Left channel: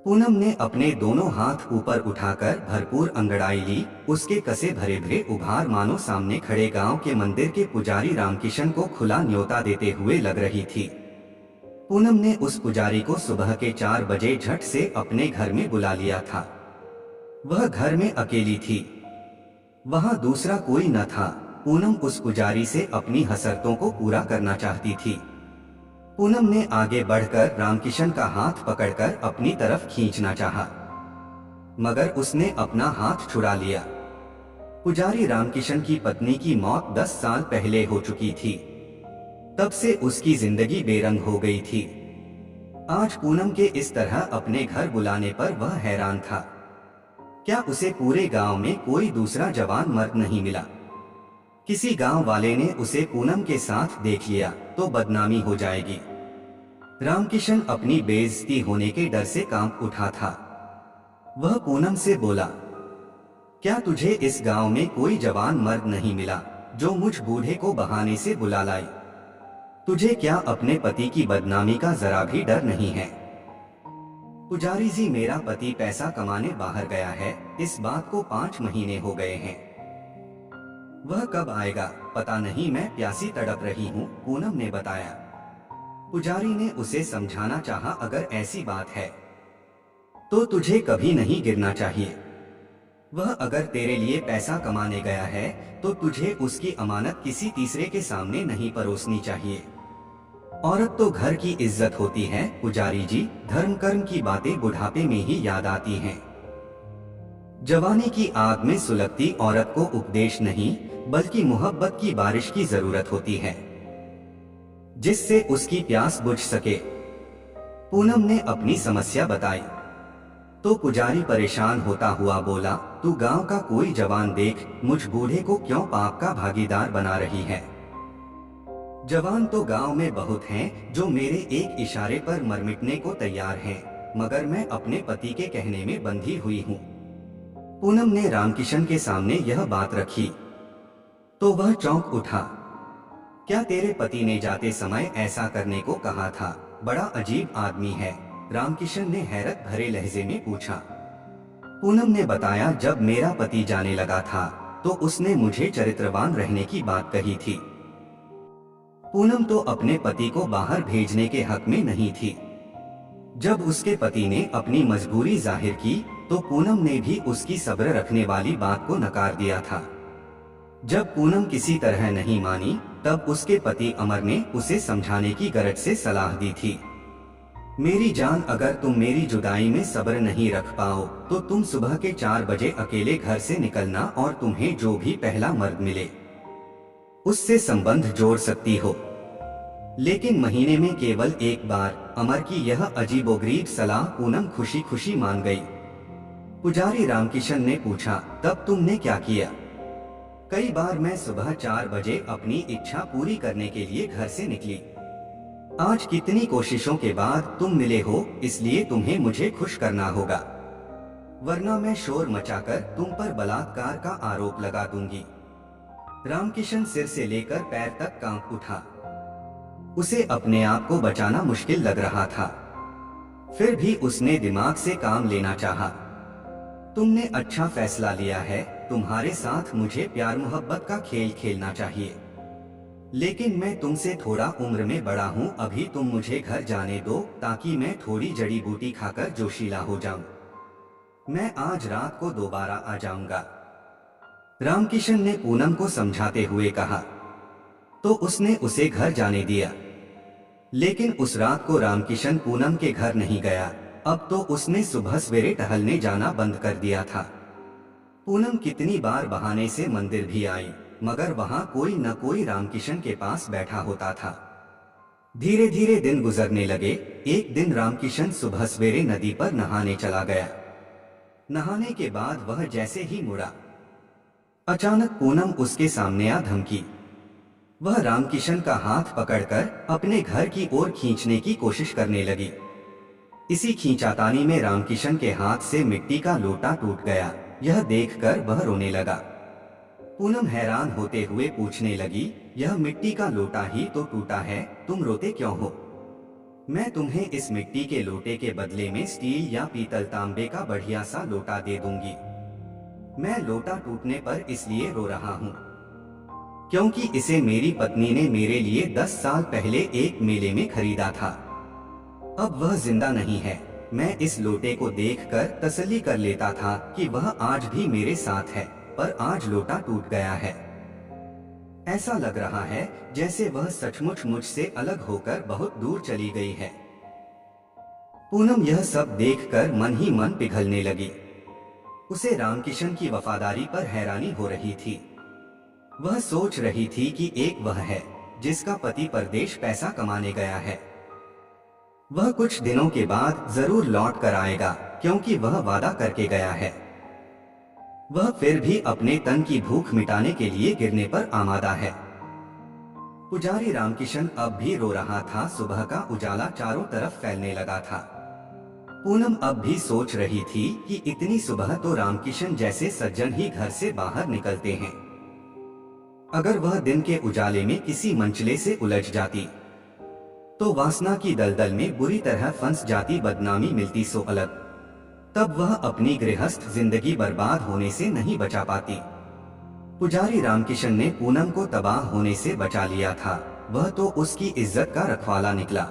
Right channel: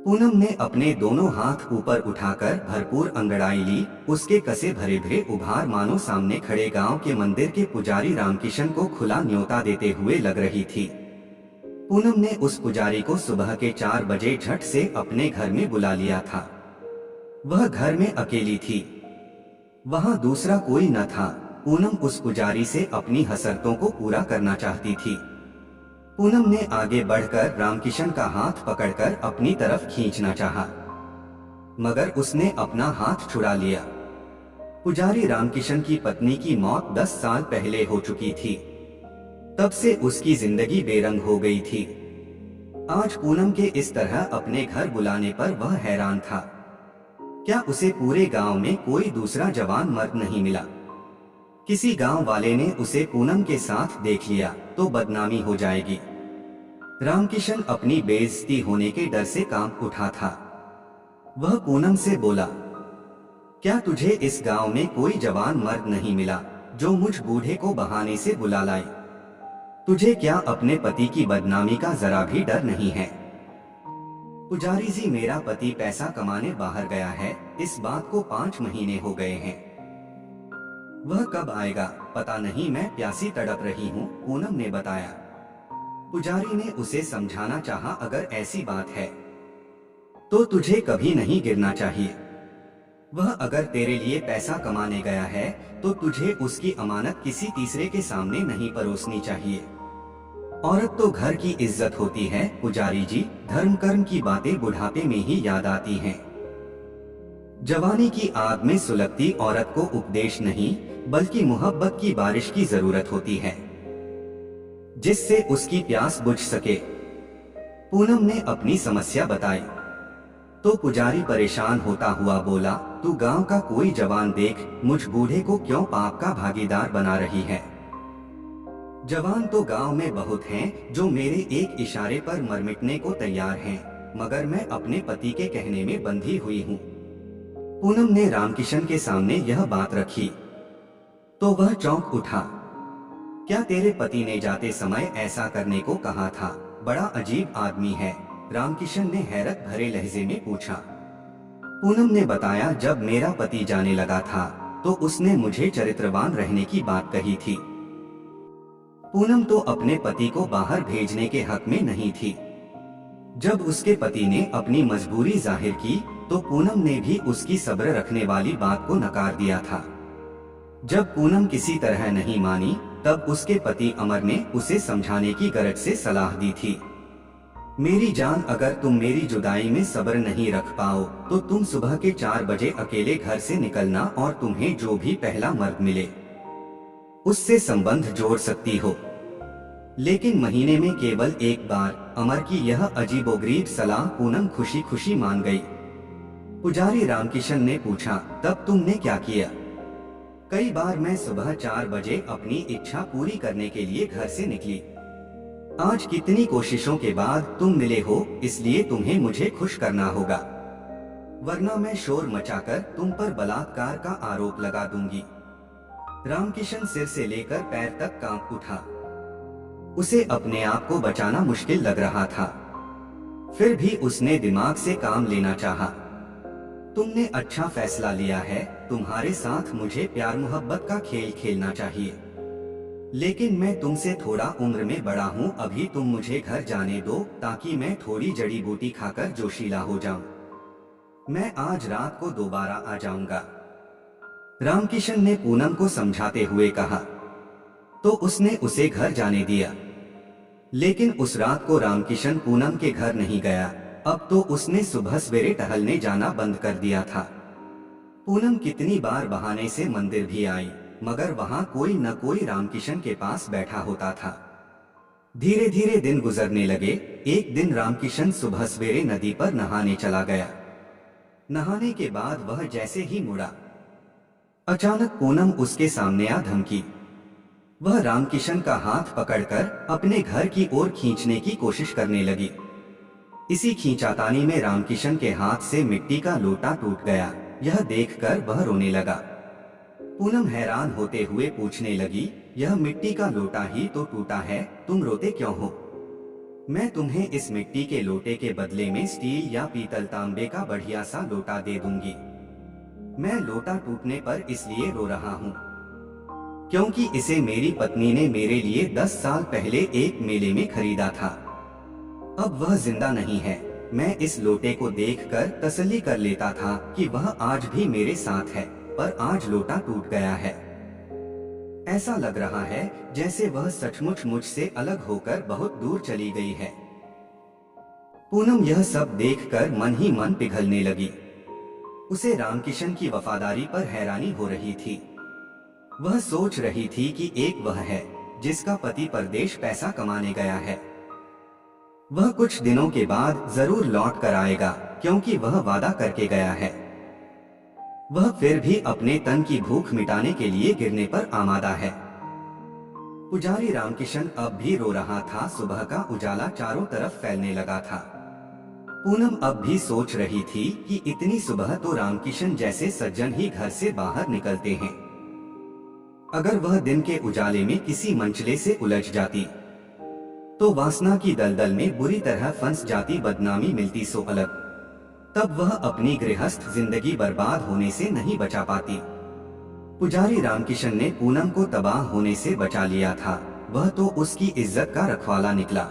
पूनम ने अपने दोनों हाथ ऊपर उठाकर भरपूर अंगड़ाई ली। उसके कसे भरे भरे उभार मानो सामने खड़े गांव के मंदिर के पुजारी रामकिशन को खुला न्योता देते हुए लग रही थी। पूनम ने उस पुजारी को सुबह के 4 बजे झट से अपने घर में बुला लिया था। वह घर में अकेली थी, वहां दूसरा कोई न था। पूनम उस पुजारी से अपनी हसरतों को पूरा करना चाहती थी। पूनम ने आगे बढ़कर रामकिशन का हाथ पकड़कर अपनी तरफ खींचना चाहा, मगर उसने अपना हाथ छुड़ा लिया। पुजारी रामकिशन की पत्नी की मौत 10 साल पहले हो चुकी थी। तब से उसकी जिंदगी बेरंग हो गई थी। आज पूनम के इस तरह अपने घर बुलाने पर वह हैरान था। क्या उसे पूरे गांव में कोई दूसरा जवान मर्द नहीं मिला? किसी गांव वाले ने उसे पूनम के साथ देख लिया तो बदनामी हो जाएगी। रामकिशन अपनी बेइज्जती होने के डर से कांप उठा था। वह पूनम से बोला, क्या तुझे इस गांव में कोई जवान मर्द नहीं मिला जो मुझ बूढ़े को बहाने से बुला लाए? तुझे क्या अपने पति की बदनामी का जरा भी डर नहीं है? पुजारी जी, मेरा पति पैसा कमाने बाहर गया है। इस बात को 5 महीने हो गए हैं। वह कब आएगा पता नहीं, मैं प्यासी तड़प रही हूँ, पूनम ने बताया। पुजारी ने उसे समझाना चाहा, अगर ऐसी बात है तो तुझे कभी नहीं गिरना चाहिए। वह अगर तेरे लिए पैसा कमाने गया है तो तुझे उसकी अमानत किसी तीसरे के सामने नहीं परोसनी चाहिए। औरत तो घर की इज्जत होती है पुजारी जी। धर्म कर्म की बातें बुढ़ापे में ही याद आती हैं। जवानी की आग में सुलगती औरत को उपदेश नहीं बल्कि मोहब्बत की बारिश की जरूरत होती है, जिससे उसकी प्यास बुझ सके। पूनम ने अपनी समस्या बताई तो पुजारी परेशान होता हुआ बोला, तू गांव का कोई जवान देख, मुझ बूढ़े को क्यों पाप का भागीदार बना रही है? जवान तो गांव में बहुत हैं जो मेरे एक इशारे पर मर मिटने को तैयार हैं, मगर मैं अपने पति के कहने में बंधी हुई हूँ। पूनम ने रामकिशन के सामने यह बात रखी तो वह चौंक उठा। क्या तेरे पति ने जाते समय ऐसा करने को कहा था? बड़ा अजीब आदमी है, रामकिशन ने हैरत भरे लहजे में पूछा। पूनम ने बताया, जब मेरा पति जाने लगा था तो उसने मुझे चरित्रवान रहने की बात कही थी। पूनम तो अपने पति को बाहर भेजने के हक में नहीं थी। जब उसके पति ने अपनी मजबूरी जाहिर की तो पूनम ने भी उसकी सब्र रखने वाली बात को नकार दिया था। जब पूनम किसी तरह नहीं मानी तब उसके पति अमर ने उसे समझाने की गरज से सलाह दी थी। मेरी जान, अगर तुम मेरी जुदाई में सब्र नहीं रख पाओ तो तुम सुबह के 4 बजे अकेले घर से निकलना और तुम्हें जो भी पहला मर्द मिले उससे संबंध जोड़ सकती हो, लेकिन महीने में केवल एक बार। अमर की यह अजीबोगरीब सलाह पूनम खुशी खुशी मान गई। पुजारी रामकिशन ने पूछा, तब तुमने क्या किया? कई बार मैं सुबह 4 बजे अपनी इच्छा पूरी करने के लिए घर से निकली। आज कितनी कोशिशों के बाद तुम मिले हो, इसलिए तुम्हें मुझे खुश करना होगा, वरना मैं शोर मचाकर तुम पर बलात्कार का आरोप लगा दूंगी। रामकिशन सिर से लेकर पैर तक कांप उठा। उसे अपने आप को बचाना मुश्किल लग रहा था, फिर भी उसने दिमाग से काम लेना चाहा। तुमने अच्छा फैसला लिया है, तुम्हारे साथ मुझे प्यार मोहब्बत का खेल खेलना चाहिए, लेकिन मैं तुमसे थोड़ा उम्र में बड़ा हूँ। अभी तुम मुझे घर जाने दो ताकि मैं थोड़ी जड़ी बूटी खाकर जोशीला हो जाऊं। मैं आज रात को दोबारा आ जाऊंगा। रामकिशन ने पूनम को समझाते हुए कहा तो उसने उसे घर जाने दिया। लेकिन उस रात को रामकिशन पूनम के घर नहीं गया। अब तो उसने सुबह सवेरे टहलने जाना बंद कर दिया था। पूनम कितनी बार बहाने से मंदिर भी आई, मगर वहां कोई न कोई रामकिशन के पास बैठा होता था। धीरे धीरे दिन गुजरने लगे। एक दिन रामकिशन सुबह सवेरे नदी पर नहाने चला गया। नहाने के बाद वह जैसे ही मुड़ा, अचानक पूनम उसके सामने आ धमकी। वह रामकिशन का हाथ पकड़कर अपने घर की ओर खींचने की कोशिश करने लगी। इसी खींचातानी में रामकिशन के हाथ से मिट्टी का लोटा टूट गया। यह देखकर वह रोने लगा। पूनम हैरान होते हुए पूछने लगी, यह मिट्टी का लोटा ही तो टूटा है, तुम रोते क्यों हो? मैं तुम्हें इस मिट्टी के लोटे के बदले में स्टील या पीतल तांबे का बढ़िया सा लोटा दे दूंगी। मैं लोटा टूटने पर इसलिए रो रहा हूँ क्योंकि इसे मेरी पत्नी ने मेरे लिए 10 साल पहले एक मेले में खरीदा था। अब वह जिंदा नहीं है। मैं इस लोटे को देखकर तसल्ली कर लेता था कि वह आज भी मेरे साथ है, पर आज लोटा टूट गया है। ऐसा लग रहा है जैसे वह सचमुच मुझसे अलग होकर बहुत दूर चली गई है। पूनम यह सब देखकर मन ही मन पिघलने लगी। उसे रामकिशन की वफादारी पर हैरानी हो रही थी। वह सोच रही थी कि एक वह है जिसका पति परदेश पैसा कमाने गया है। वह कुछ दिनों के बाद जरूर लौट कर आएगा क्योंकि वह वादा करके गया है। वह फिर भी अपने तन की भूख मिटाने के लिए गिरने पर आमादा है। पुजारी रामकिशन अब भी रो रहा था। सुबह का उजाला चारों तरफ फैलने लगा था। पूनम अब भी सोच रही थी कि इतनी सुबह तो रामकिशन जैसे सज्जन ही घर से बाहर निकलते हैं। अगर वह दिन के उजाले में किसी मंचले से उलझ जाती तो वासना की दलदल में बुरी तरह फंस जाती, बदनामी मिलती सो अलग। तब वह अपनी गृहस्थ जिंदगी बर्बाद होने से नहीं बचा पाती। पुजारी रामकिशन ने पूनम को तबाह होने से बचा लिया था। वह तो उसकी इज्जत का रखवाला निकला।